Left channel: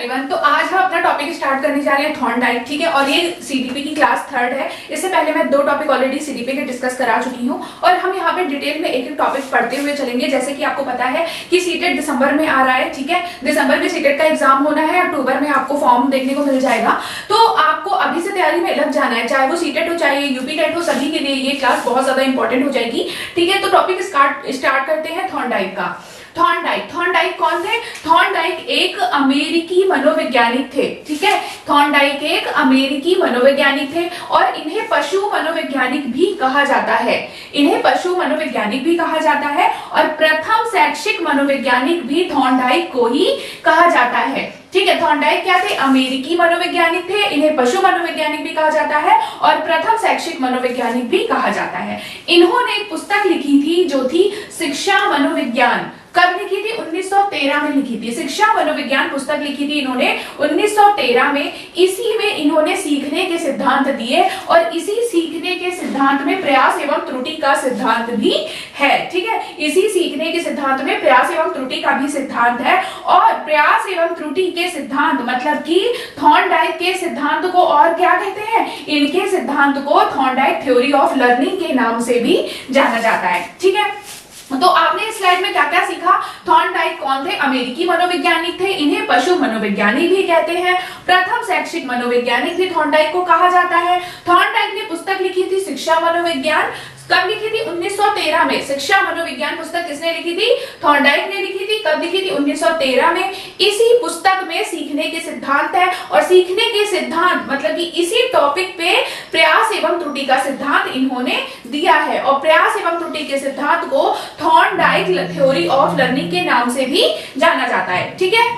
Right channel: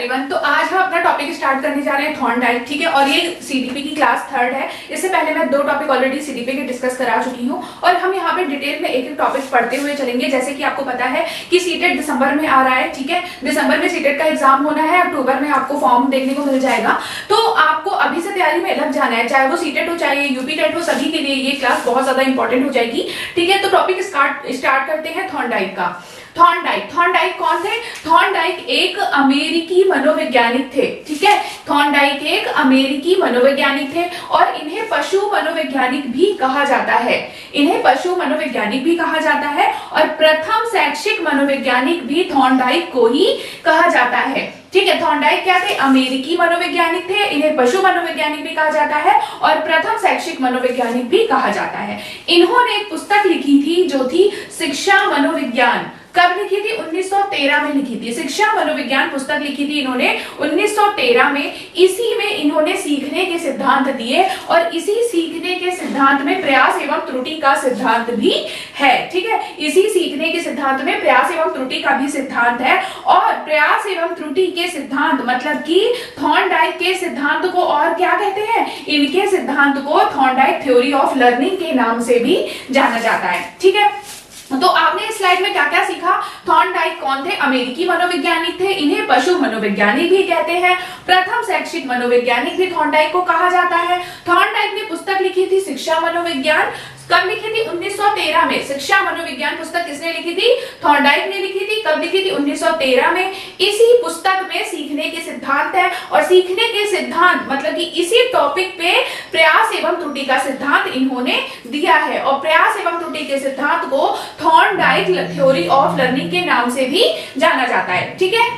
Everyone. तो आज हम अपना टॉपिक स्टार्ट करने जा रहे हैं थॉर्नडाइक, ठीक है। और ये सीडीपी की क्लास 3 है। इससे पहले मैं 2 टॉपिक ऑलरेडी सीडीपी के डिस्कस करा चुकी हूँ और हम यहाँ पे डिटेल में एक एक टॉपिक पढ़ते हुए चलेंगे। जैसे कि आपको पता है कि सीटेट दिसंबर में आ रहा है, ठीक है। दिसंबर में सीटेट का एग्जाम होना है, अक्टूबर में आपको फॉर्म देखने को मिल जाएगा। तो आपको अभी से तैयारी में लग जाना है, चाहे वो सीटेट हो चाहे यूपी टेट हो, सभी के लिए ये क्लास बहुत ज्यादा इंपॉर्टेंट हो जाएगी, ठीक है। तो टॉपिक स्टार्ट करते हैं थॉर्नडाइक का। थॉर्नडाइक कौन थे? थॉर्नडाइक एक अमेरिकी मनोवैज्ञानिक थे, ठीक है। थॉर्नडाइक एक अमेरिकी मनोवैज्ञानिक थे और इन्हें पशु मनोवैज्ञानिक भी कहा जाता है। इन्हें पशु मनोवैज्ञानिक भी कहा जाता है और प्रथम शैक्षिक मनोवैज्ञानिक भी थॉर्नडाइक को ही कहा जाता है, ठीक है। थॉर्नडाइक क्या थे? अमेरिकी मनोवैज्ञानिक थे। इन्हें पशु मनोवैज्ञानिक भी कहा जाता है और प्रथम शैक्षिक मनोवैज्ञानिक भी कहा जाता है। इन्होंने एक पुस्तक लिखी थी जो थी शिक्षा मनोविज्ञान। कब लिखी थी? 1913 में लिखी थी। शिक्षा मनोविज्ञान पुस्तक लिखी थी इन्होंने 1913 में। इसी में इन्होंने सीखने के सिद्धांत दिए और इसी सीखने के सिद्धांत में प्रयास एवं त्रुटि का सिद्धांत भी है, ठीक है। इसी सीखने के सिद्धांत में प्रयास एवं त्रुटि का भी सिद्धांत है और प्रयास एवं त्रुटि के सिद्धांत मतलब कि थॉर्नडाइक के सिद्धांत को और क्या कहते हैं? इनके सिद्धांत को थॉर्नडाइक थ्योरी ऑफ लर्निंग के नाम से भी जाना जाता है, ठीक है। तो आपने इस स्लाइड में क्या क्या सीखा? थॉर्नडाइक कौन थे? अमेरिकी मनोवैज्ञानिक थे। इन्हें पशु मनोवैज्ञानिक भी कहते हैं। प्रथम शैक्षिक मनोवैज्ञानिक भी थॉर्नडाइक को कहा जाता है। थॉर्नडाइक ने पुस्तक लिखी थी शिक्षा मनोविज्ञान। कब लिखी थी? 1913 में। शिक्षा मनोविज्ञान पुस्तक किसने लिखी थी? थॉर्नडाइक ने लिखी थी। कब लिखी थी? 1913 में। इसी पुस्तक में सीखने के सिद्धांत है और सीखने के सिद्धांत मतलब कि इसी टॉपिक पे प्रयास एवं त्रुटि का सिद्धांत इन्होंने दिया है और प्रयास एवं त्रुटि के सिद्धांत को थॉर्नडाइक थ्योरी ऑफ लर्निंग के नाम से भी जाना जाता है, ठीक है।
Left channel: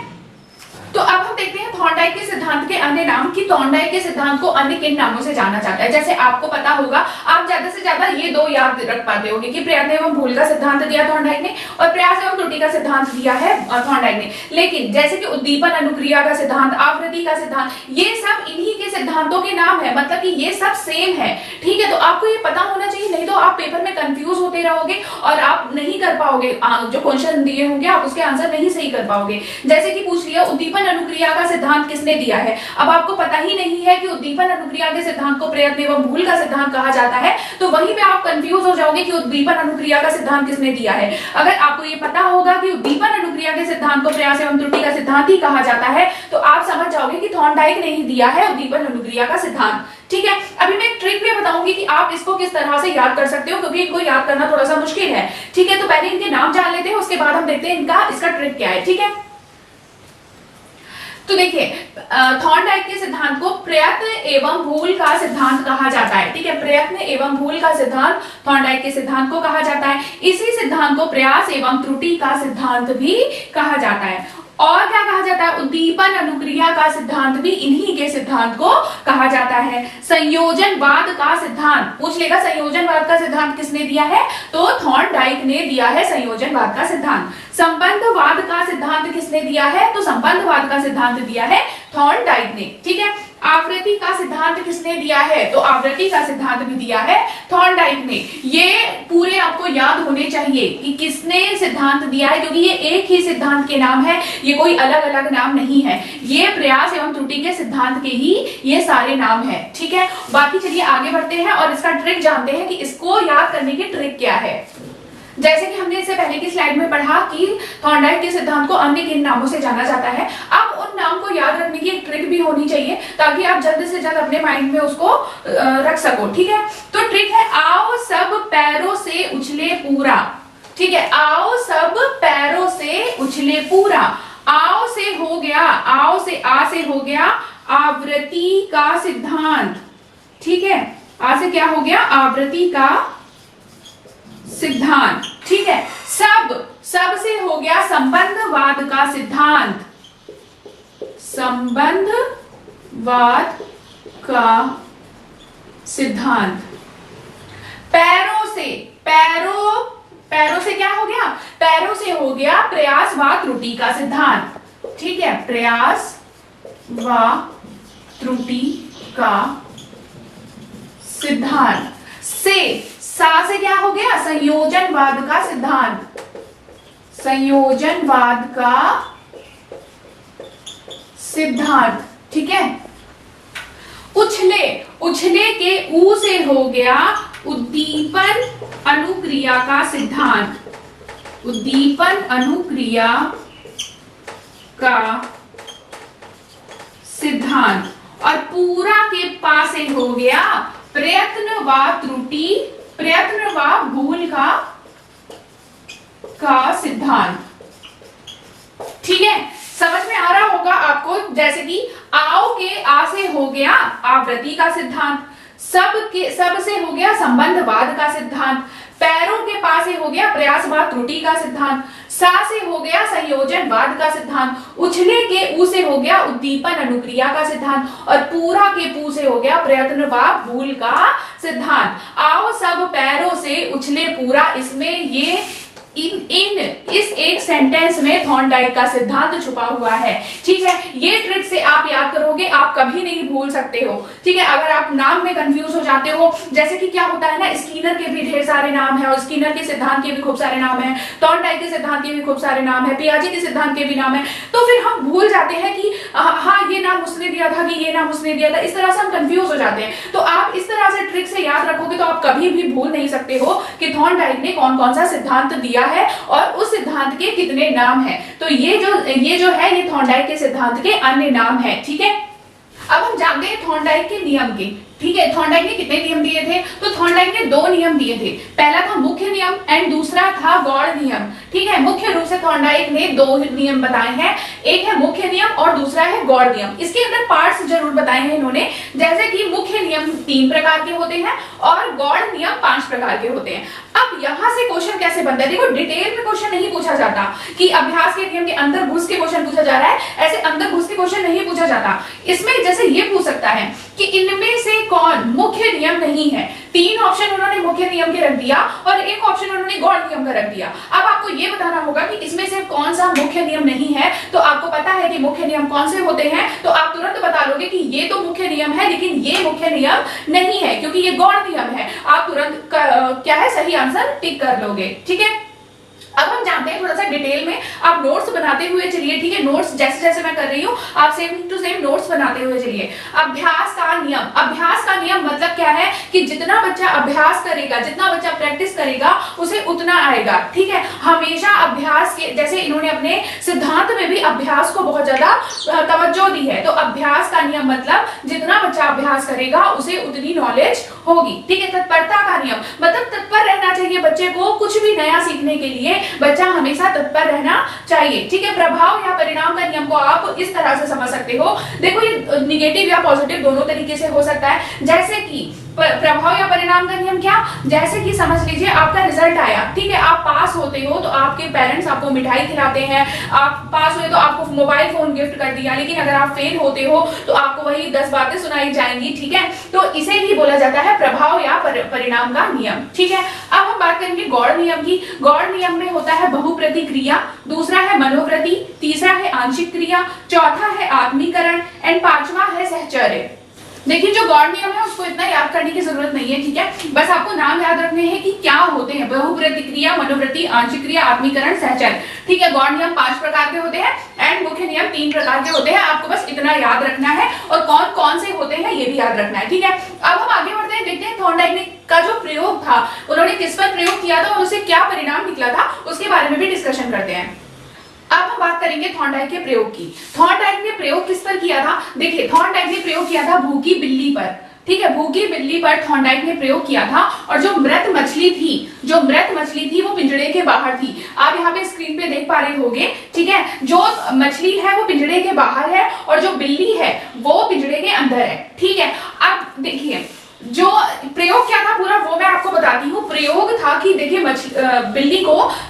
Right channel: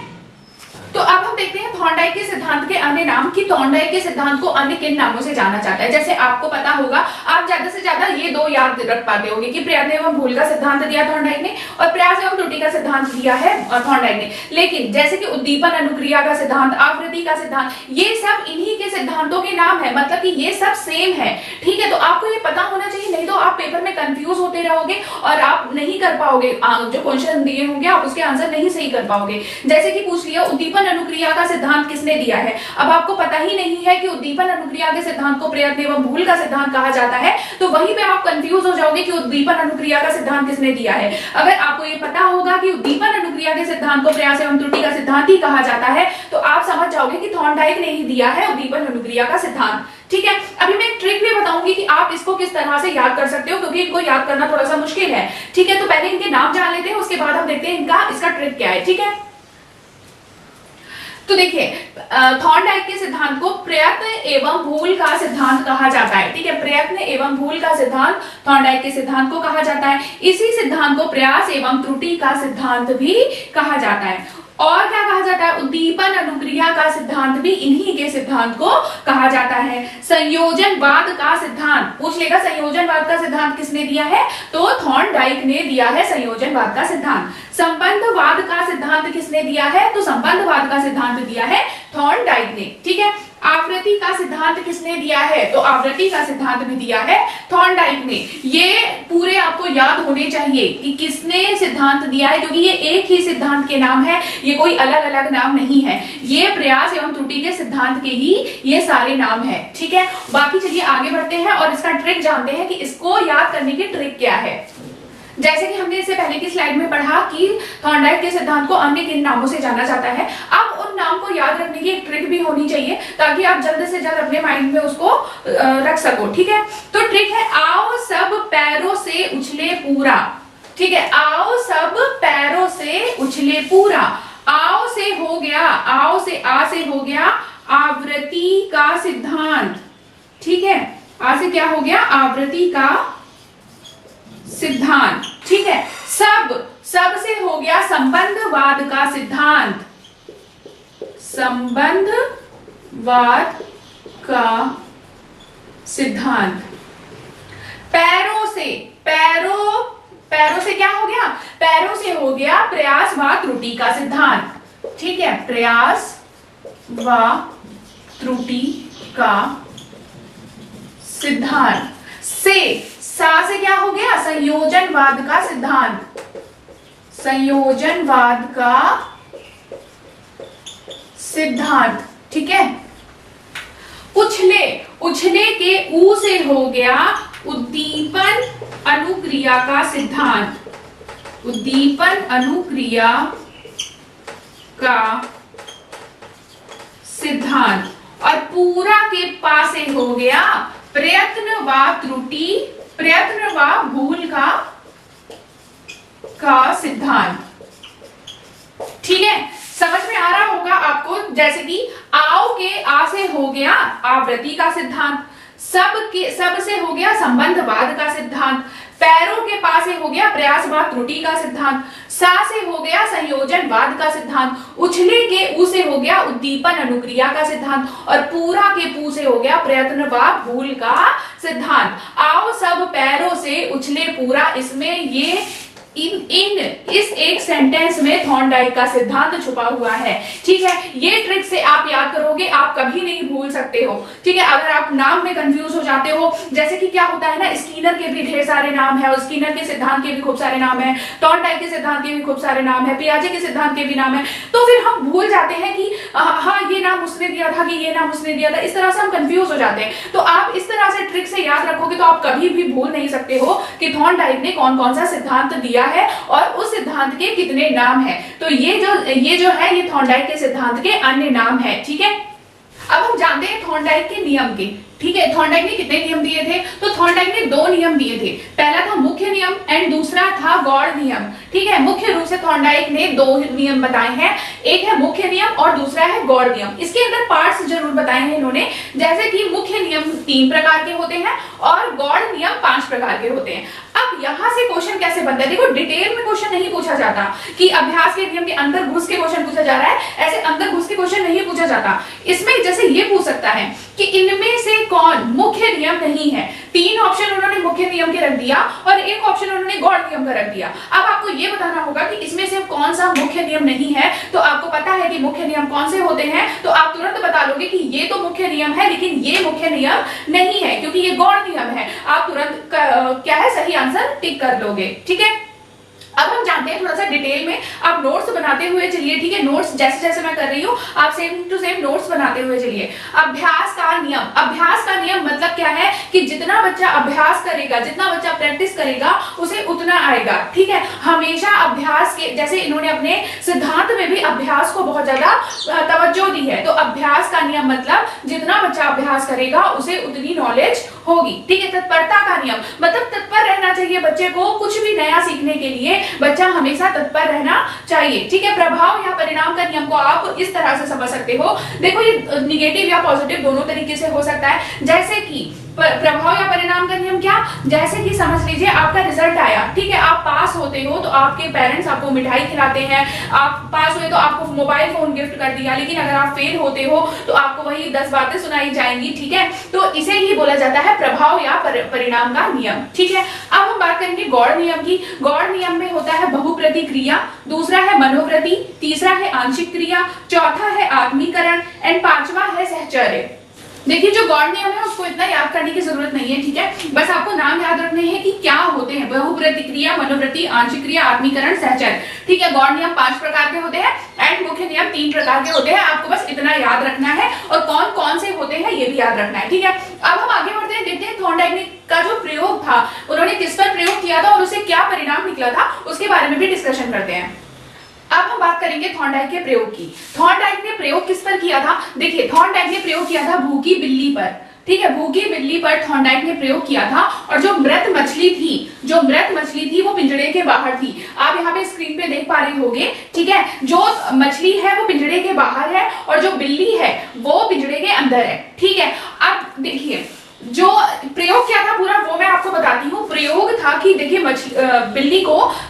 तो अब हम देखते हैं थॉर्नडाइक के सिद्धांत के अन्य नाम कि थॉर्नडाइक के सिद्धांत को अन्य किन नामों से जाना जाता है। जैसे आपको पता होगा, आप ज्यादा से ज्यादा ये 2 याद रख पाते होंगे कि प्रयत्न एवं भूल का सिद्धांत दिया थॉर्नडाइक ने और प्रयास एवं त्रुटि का सिद्धांत दिया है थॉर्नडाइक ने। लेकिन जैसे कि उद्दीपन अनुक्रिया का सिद्धांत, आवृत्ति का सिद्धांत, ये सब इन्हीं के सिद्धांतों के नाम है, मतलब कि ये सब सेम है, ठीक है। तो आपको ये पता होना चाहिए, नहीं तो आप पेपर में कंफ्यूज होते रहोगे और आप नहीं कर पाओगे, जो क्वेश्चन दिए होंगे आप उसके आंसर नहीं सही कर पाओगे। जैसे कि पूछ लिया उद्दीपन अनुक्रिया का सिद्धांत किसने दिया है? अब आपको पता ही नहीं है कि उद्दीपन अनुक्रिया के सिद्धांत को प्रयत्न एवं भूल का सिद्धांत कहा जाता है, तो वहीं पे आप कंफ्यूज हो जाओगे कि उद्दीपन अनुक्रिया का सिद्धांत किसने दिया है। अगर आपको ये पता होगा कि उद्दीपन अनुक्रिया के सिद्धांत को प्रयास एवं त्रुटि का सिद्धांत ही कहा जाता है, तो आप समझ जाओगे कि थॉर्नडाइक ने ही दिया है उद्दीपन अनुक्रिया का सिद्धांत, ठीक है। अभी मैं एक ट्रिक भी बताऊंगी कि आप इसको किस तरह से याद कर सकते हो, क्योंकि इनको याद करना थोड़ा सा मुश्किल है, ठीक है। तो पहले इनके नाम जान लेते हैं, उसके बाद हम देखते हैं इसका ट्रिक क्या है, ठीक है। तो देखिए, थॉर्नडाइक के सिद्धांत को प्रयत्न एवं भूल का सिद्धांत कहा जाता है, ठीक है। प्रयत्न एवं भूल का सिद्धांत थॉर्नडाइक के सिद्धांत को कहा जाता है। इसी सिद्धांत को प्रयास एवं त्रुटि का सिद्धांत भी कहा जाता है। और क्या कहा जाता है? उद्दीपन अनुक्रिया का सिद्धांत भी इन्हीं के सिद्धांत को कहा जाता है। संयोजनवाद का सिद्धांत पूछ लेगा, संयोजनवाद का सिद्धांत किसने दिया है? तो थॉर्नडाइक ने दिया है संयोजनवाद का सिद्धांत। संबंधवाद का सिद्धांत किसने दिया है? तो संबंधवाद का सिद्धांत दिया है थॉर्नडाइक ने, ठीक है। आवृत्ति का सिद्धांत किसने दिया है? तो आवृत्ति का सिद्धांत भी दिया है थॉर्नडाइक ने। ये पूरे आपको याद होने चाहिए कि किसने सिद्धांत दिया है, क्योंकि ये एक ही सिद्धांत के नाम है, ये कोई अलग अलग नाम नहीं है। ये प्रयास एवं त्रुटि के सिद्धांत के ही ये सारे नाम है, ठीक है। बाकी चलिए आगे बढ़ते हैं और इसका ट्रिक जानते हैं कि इसको याद करने की ट्रिक क्या है। जैसे कि हमने इससे पहले की स्लाइड में पढ़ा कि थॉर्नडाइक के सिद्धांत को अन्य किन नामों से जाना जाता है। अब उन नाम को याद रखने की एक ट्रिक भी होनी चाहिए ताकि आप जल्द से जल्द अपने माइंड में उसको रख सको, ठीक है। तो ट्रिक है, आओ सब पैरों से उछले पूरा, ठीक है। आओ सब पैरों से उछले पूरा। आओ से हो गया, आओ से आ से हो गया आवृत्ति का सिद्धांत, ठीक है। आ से क्या हो गया? आवृत्ति का सिद्धांत, ठीक है। सब से हो गया संबंधवाद का सिद्धांत, संबंधवाद का सिद्धांत। पैरों से क्या हो गया? पैरों से हो गया प्रयास व त्रुटि का सिद्धांत, ठीक है। प्रयास व त्रुटि का सिद्धांत। सा से क्या हो गया? संयोजनवाद का सिद्धांत, संयोजनवाद का सिद्धांत, ठीक है। उछले, उछले के ऊ से हो गया उद्दीपन अनुक्रिया का सिद्धांत, उद्दीपन अनुक्रिया का सिद्धांत। और पूरा के पा से हो गया प्रयत्न व त्रुटि, प्रयत्न व भूल का सिद्धांत, ठीक है। समझ में आ रहा होगा आपको, जैसे कि आओ के आ से हो गया आवृत्ति का सिद्धांत, सब से हो गया संबंधवाद का सिद्धांत, पैरों के पा से हो गया प्रयासवाद त्रुटि का सिद्धांत, सा से हो गया संयोजनवाद का सिद्धांत, उछले के ऊ से हो गया उद्दीपन अनुक्रिया का सिद्धांत, और पूरा के पू से हो गया प्रयत्न व भूल का सिद्धांत। आओ सब पैरों से उछले पूरा, इसमें ये इस एक सेंटेंस में थॉर्नडाइक का सिद्धांत छुपा हुआ है, ठीक है। ये ट्रिक से आप याद करोगे, आप कभी नहीं भूल सकते हो, ठीक है। अगर आप नाम में कंफ्यूज हो जाते हो, जैसे कि क्या होता है ना, स्किनर के भी ढेर सारे नाम है, और स्किनर के सिद्धांत के भी खूब सारे नाम है, थॉर्नडाइक के सिद्धांत के भी खूब सारे नाम है, पियाजे के सिद्धांत के भी नाम है, तो फिर हम भूल जाते हैं कि हाँ ये नाम उसने दिया था, कि ये नाम उसने दिया था, इस तरह से हम कंफ्यूज हो जाते हैं। तो आप इस तरह से ट्रिक से याद रखोगे तो आप कभी भी भूल नहीं सकते हो कि थॉर्नडाइक ने कौन कौन सा सिद्धांत दिया है और उस सिद्धांत के कितने नाम हैं। तो ये जो है ये थॉर्नडाइक के सिद्धांत के अन्य नाम है, ठीक है। अब हम जानते हैं थॉर्नडाइक के नियम के, ठीक है। थॉर्नडाइक ने कितने नियम दिए थे? तो थॉर्नडाइक ने 2 नियम दिए थे, पहला था मुख्य नियम एंड दूसरा था गौड़ नियम, ठीक है। मुख्य रूप से थॉर्नडाइक ने 2 नियम बताए हैं, एक है मुख्य नियम और दूसरा है गौड़ नियम। इसके अंदर पार्ट्स जरूर बताए हैं इन्होंने, जैसे कि मुख्य नियम 3 प्रकार के होते हैं और गौड़ नियम 5 प्रकार के होते हैं। अब यहां से क्वेश्चन कैसे बनता है, देखो डिटेल में क्वेश्चन नहीं पूछा जाता कि अभ्यास के नियम के अंदर घुस के क्वेश्चन पूछा जा रहा है, ऐसे अंदर घुस के क्वेश्चन नहीं पूछा जाता। इसमें जैसे ये पूछ सकता है कि इनमें से कौन मुख्य नियम नहीं है। 3 ऑप्शन उन्होंने मुख्य नियम के रख दिया और 1 ऑप्शन उन्होंने गौड़ नियम का रख दिया। अब आपको ये बताना होगा कि इसमें से कौन सा मुख्य नियम नहीं है। तो आपको पता है कि मुख्य नियम कौन से होते हैं, तो आप तुरंत बता लोगे कि ये तो मुख्य नियम है लेकिन ये मुख्य नियम नहीं है क्योंकि ये गौड़ नियम है। आप तुरंत क्या है सही आंसर टिक कर लोगे, ठीक है। अब हम जानते हैं थोड़ा सा डिटेल में, आप नोट्स बनाते हुए चलिए, ठीक है। नोट्स जैसे जैसे मैं कर रही हूँ आप सेम टू सेम नोट्स बनाते हुए चलिए। अभ्यास का नियम, अभ्यास का नियम मतलब क्या है कि जितना बच्चा अभ्यास करेगा, जितना बच्चा प्रैक्टिस करेगा उसे उतना आएगा, ठीक है। हमेशा अभ्यास के, जैसे इन्होंने अपने सिद्धांत में भी अभ्यास को बहुत ज्यादा तवज्जो दी है, तो अभ्यास का नियम मतलब जितना बच्चा अभ्यास करेगा उसे उतनी नॉलेज होगी, ठीक है। तत्परता का नियम मतलब तत्पर रहना चाहिए बच्चे को, कुछ भी नया सीखने के लिए बच्चा हमेशा तत्पर रहना चाहिए, ठीक है। प्रभाव या परिणाम का नियम को आप इस तरह से समझ सकते हो, देखो ये निगेटिव या पॉजिटिव दोनों तरीके से हो सकता है। जैसे कि प्रभाव या परिणाम का नियम क्या, जैसे कि समझ लीजिए आपका रिजल्ट आया, ठीक है। आप पास होते हो तो आपके पेरेंट्स आपको मिठाई खिलाते हैं, आप पास हुए तो आपको मोबाइल फोन गिफ्ट कर दिया, लेकिन अगर आप फेल होते हो तो आपको वही 10 बातें सुनाई जाएंगी, ठीक है। तो इसे ही बोला जाता है प्रभाव या परिणाम का नियम, ठीक है। अब हम बात करेंगे गौड़ नियम की। गौड़ नियम में होता है बहुप्रति क्रिया, दूसरा है मनोप्रति, तीसरा है आंशिक क्रिया, चौथा है आत्मीकरण एंड 5वां है सहचर्य। देखिए जो गौड़ नियम है उसको इतना याद करने की जरूरत नहीं है, ठीक है। बस आपको नाम याद रखने हैं कि क्या होते हैं, बहुप्रतिक्रिया, मनोवृत्ति, आंशिक क्रिया, आत्मीकरण, सहचर्य, ठीक है। गौड़ नियम 5 प्रकार के होते हैं एंड मुख्य नियम 3 प्रकार के होते हैं। आपको बस इतना याद रखना है और कौन कौन से होते हैं ये भी याद रखना है, ठीक है। अब हम आगे बढ़ते हैं, देखते हैं थॉर्नडाइक का जो प्रयोग था उन्होंने किस पर प्रयोग किया था और उसे क्या परिणाम निकला था, उसके बारे में भी डिस्कशन करते हैं। अब हम बात करेंगे थॉर्नडाइक के प्रयोग की। थॉर्नडाइक ने प्रयोग किस पर किया था, देखिए थॉर्नडाइक ने प्रयोग किया था भूखी बिल्ली पर, ठीक है। भूखी बिल्ली पर थॉर्नडाइक ने प्रयोग किया था और जो मृत मछली थी वो पिंजड़े के बाहर थी। आप यहाँ पे स्क्रीन पे देख पा रहे होंगे, ठीक है। जो मछली है वो पिंजड़े के बाहर है और जो बिल्ली है वो पिंजड़े के अंदर है, ठीक है। अब देखिए जो प्रयोग क्या था पूरा वो मैं आपको बताती हूँ। प्रयोग था कि देखिए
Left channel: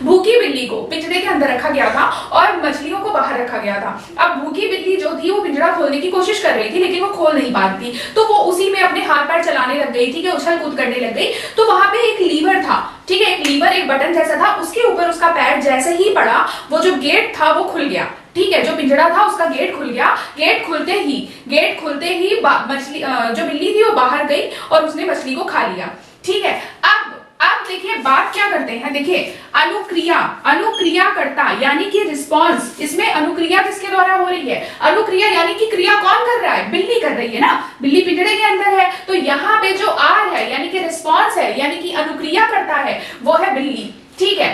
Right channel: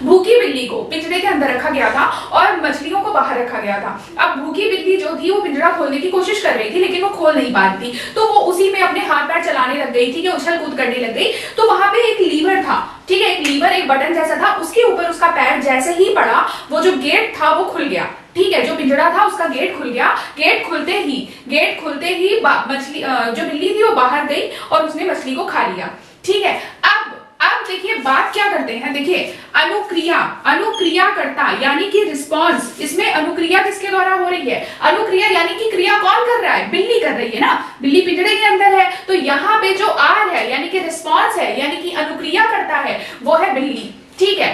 भूखी बिल्ली को पिंजरे के अंदर रखा गया था और मछलियों को बाहर रखा गया था। अब भूखी बिल्ली जो थी वो पिंजरा खोलने की कोशिश कर रही थी लेकिन वो खोल नहीं पाती, तो वो उसी में अपने हाथ पैर चलाने लग गई, ठीक है, उछल कूद करने लग गई। तो वहां पे एक लीवर था, ठीक है, एक लीवर, एक बटन जैसा था, उसके ऊपर उसका पैर जैसे ही पड़ा वो जो गेट था वो खुल गया, ठीक है। जो पिंजरा था उसका गेट खुल गया। गेट खुलते ही मछली जो बिल्ली थी वो बाहर गई और उसने मछली को खा लिया, ठीक है। अब अब देखिए बात क्या करते हैं, देखिए अनुक्रिया, अनुक्रिया करता यानी कि रिस्पॉन्स, इसमें अनुक्रिया किसके द्वारा हो रही है, अनुक्रिया यानी कि क्रिया कौन कर रहा है, बिल्ली कर रही है ना, बिल्ली पिंजरे के अंदर है, तो यहाँ पे जो आर है यानी कि रिस्पॉन्स है, यानी कि अनुक्रिया करता है वो है बिल्ली, ठीक है।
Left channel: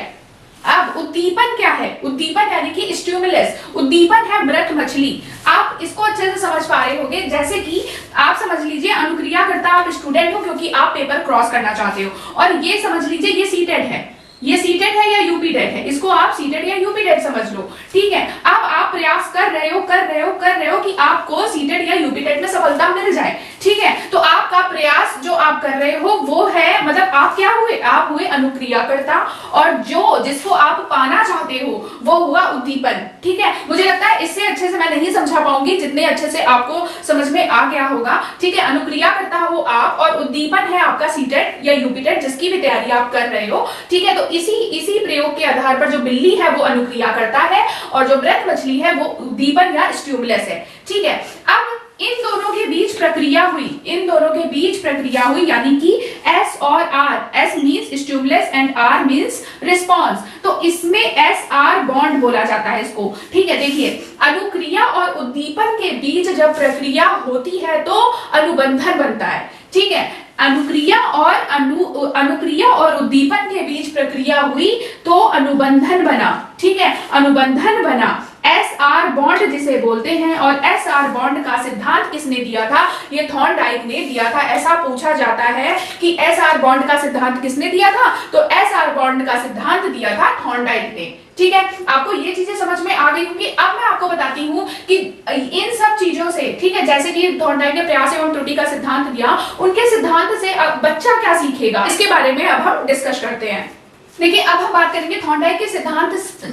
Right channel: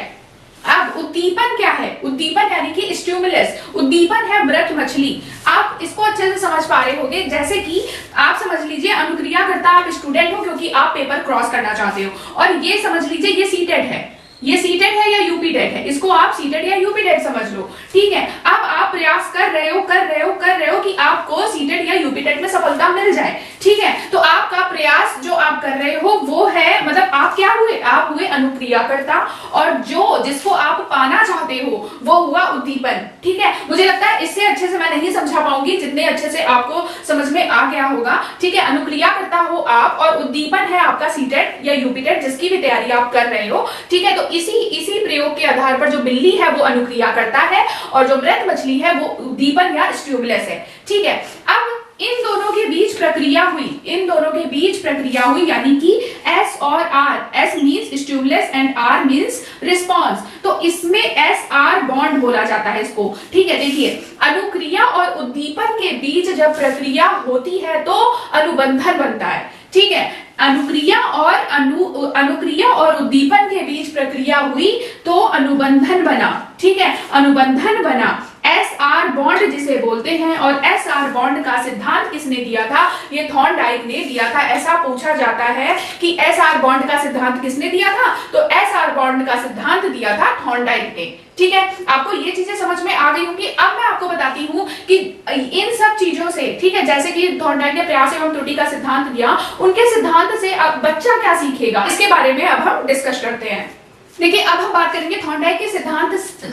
अब उद्दीपन क्या है, उद्दीपन यानी कि स्टिमुलस, उद्दीपन है मृत मछली। आप इसको अच्छे से समझ पा रहे होंगे, जैसे कि आप समझ लीजिए अनुक्रिया करता आप स्टूडेंट हो क्योंकि आप पेपर क्रॉस करना चाहते हो, और ये समझ लीजिए ये सीटेड है, ये सीटेड है या यूपीटेड है, इसको आप सीटेड या यूपीटेड समझ लो, ठीक है। अब आप प्रयास कर रहे हो कि आपको सीटेड या यूपीटेड में सफलता मिल जाए, ठीक है। तो आपका प्रयास जो आप कर रहे हो वो है, मतलब आप क्या हुए, आप हुए अनुक्रियाकर्ता, और जो जिसको आप पाना चाहते हो वो हुआ उद्दीपन, ठीक है। मुझे लगता है इससे अच्छे से मैं नहीं समझा पाऊंगी जितने अच्छे से आपको समझ में आ गया होगा, ठीक है। अनुक्रियाकर्ता हो आप और उद्दीपन है आपका सीटेड या यूपीटेड, जिसकी भी तैयारी आप कर रहे हो, ठीक है। तो इसी प्रयोग के आधार पर जो बिल्ली है वो अनुक्रिया करता है और जो मृत मछली है वो उद्दीपन या स्टिमुलस है, ठीक है। अब इन दोनों के बीच प्रक्रिया हुई, इन दोनों के बीच प्रक्रिया हुई, यानी कि एस और R, S means stimulus and R means response, तो इसमें एस आर बॉन्ड बोला जाता है इसको, ठीक है। देखिए अनुक्रिया और उद्दीपन के बीच जब प्रक्रिया होती है तो अनुबंधन बनता है, ठीक है। अनुक्रिया और उद्दीपन के बीच प्रक्रिया हुई तो अनुबंधन बना, ठीक है, अनुबंधन बना, एस आर बॉन्ड जिसे बोलते हैं। और एस आर बॉन्ड का सिद्धांत किसने दिया था, ये थॉर्नडाइक ने दिया था। ऐसा पूछा जाता है कि एस आर बॉन्ड का सिद्धांत किसने दिया था, तो एस आर बॉन्ड का सिद्धांत दिया था थॉर्नडाइक ने, ठीक है। आपको ये चीजें समझ में आ गई होंगी। अब मैं आपको बताती हूँ कि इन सब चीजों से, ठीक है, जैसे कि थॉर्नडाइक ने प्रयास एवं त्रुटि का सिद्धांत दिया, उनके सिद्धांत से अब बच्चा क्या सीखेगा इसके बारे में अब हम डिस्कस करते हैं। देखिए अब हम बात करेंगे थॉर्नडाइक के सिद्धांत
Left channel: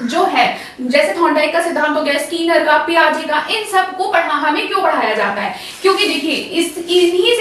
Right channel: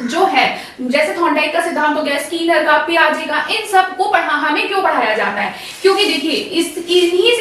जो है, जैसे थॉर्नडाइक का सिद्धांत हो गया, स्कीनर का, पियाजे का, इन सब को हमें क्यों पढ़ाया जाता है, क्योंकि देखिए इन्हीं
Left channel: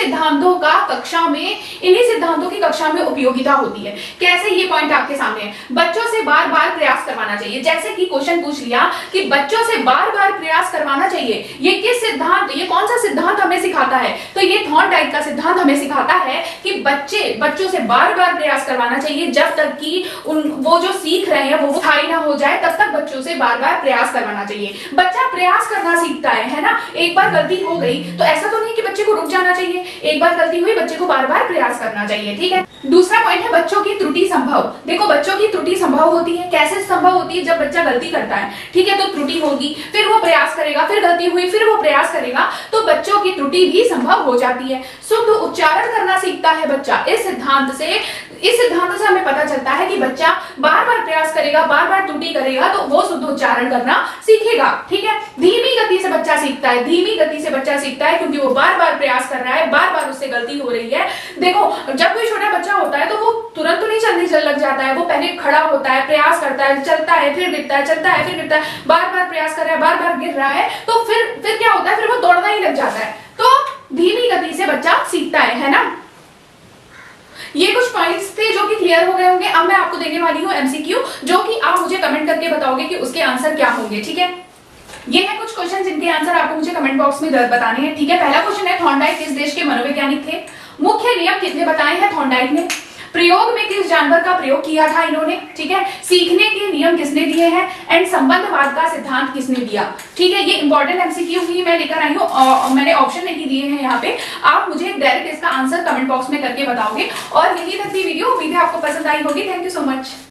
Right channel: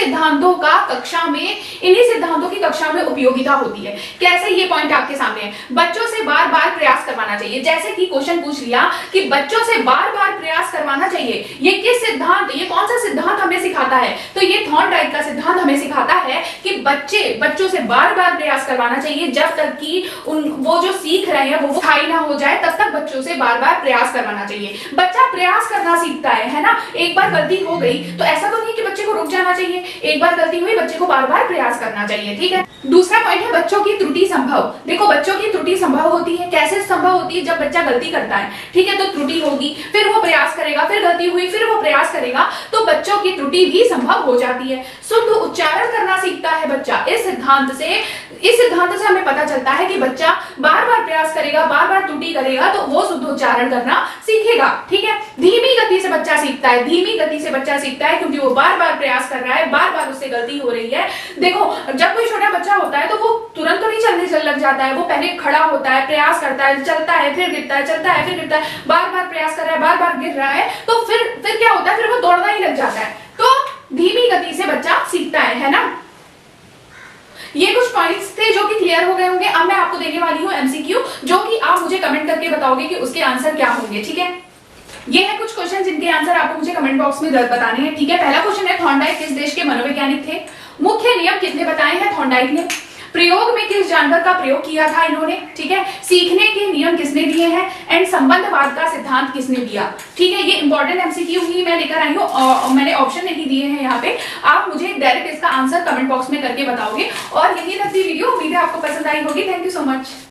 सिद्धांतों की कक्षा में उपयोगिता होती है। कैसे, ये पॉइंट आपके सामने है। बच्चों से बार बार प्रयास करवाना चाहिए, जैसे कि क्वेश्चन पूछ लिया कि बच्चों से बार बार प्रयास करवाना चाहिए, ये किस सिद्धांत, ये कौन सा सिद्धांत हमें सिखाता है, तो ये थॉर्नडाइक का सिद्धांत हमें सिखाता है कि बच्चों से बार बार प्रयास करवाना चाहिए, जब तक कि वो जो सीख रहे हैं वो स्थायी ना हो जाए, तब तक बच्चों से बार बार प्रयास करवाना चाहिए। बच्चा प्रयास करना सीखता है ना, एक बार गलती हो गई तो ऐसा तो नहीं कि बच्चे को रुक जाना चाहिए, एक बार गलती हुई बच्चे को बार बार प्रयास करना चाहिए, ठीक है। दूसरा पॉइंट है बच्चों की त्रुटि संभव। देखो बच्चों की त्रुटि संभव होती है, कैसे संभव होती है, जब बच्चा गलती करता है, ठीक है, तो त्रुटि होगी, फिर वो प्रयास करेगा, फिर गलती हुई, फिर वो प्रयास करेगा, तो बच्चों की त्रुटि भी संभव हो जाती है। शुद्ध उच्चारण करना सीखता है बच्चा। इस सिद्धांत से हमें पता चलता है कि बच्चा बार बार प्रयास करेगा, बार बार त्रुटि करेगा तो वो शुद्ध उच्चारण करना सीखेगा, ठीक है। धीमी गति से बच्चा सीखता है, धीमी गति से बच्चा सीखता है क्योंकि वो बार बार प्रयास कर रहा है, बार बार उससे गलती हो रही है। देखो जब कोई छोटा बच्चा होता है तो वो तुरंत तो नहीं चलने लग जाता है, वो पहले खड़ा होता है, प्रयास करता है, चलता है, फिर गिरता है, चलता है, फिर गिरता है, बार बार प्रयास कर रहा है, बार बार गिर रहा है, तो फिर क्या होता है, फिर वो दौड़ना ही लग जाता है। तो धीमी गति से बच्चा सीखता है ना। ये कुछ पॉइंट्स थे जो कि क्लियर हो गए होंगे। अब मैं आपको देने वाली हूँ एमसीक्यू, जो कि आप मुझे कमेंट करके बताओगे कि उसके आंसर क्या होंगे, ठीक है। ये है कुछ क्वेश्चन जिनके आंसर आपको मुझे कमेंट बॉक्स में बताने हैं, ठीक है। पहला क्वेश्चन है थॉर्नडाइक किस देश के मनोवैज्ञानिक थे, मुख्य नियम किसने बताए हैं थॉर्नडाइक ने, प्रयोग में किस जानवर का प्रयोग किया था इन्होंने, ठीक है, सीखने के नियम किसने दिए हैं, एंड संबंधवाद का सिद्धांत किसने दिया, ठीक है। ये इंपॉर्टेंट एमसीक्यू ही मैं लेकर आई हूँ, मैंने ऑप्शन नहीं दिए हैं यहाँ पे, आप मुझे डायरेक्ट इसका आंसर कमेंट बॉक्स में करके बताओगे। और यही तक की वीडियो, उम्मीद है आपको पसंद आई होगी। Thank you so much.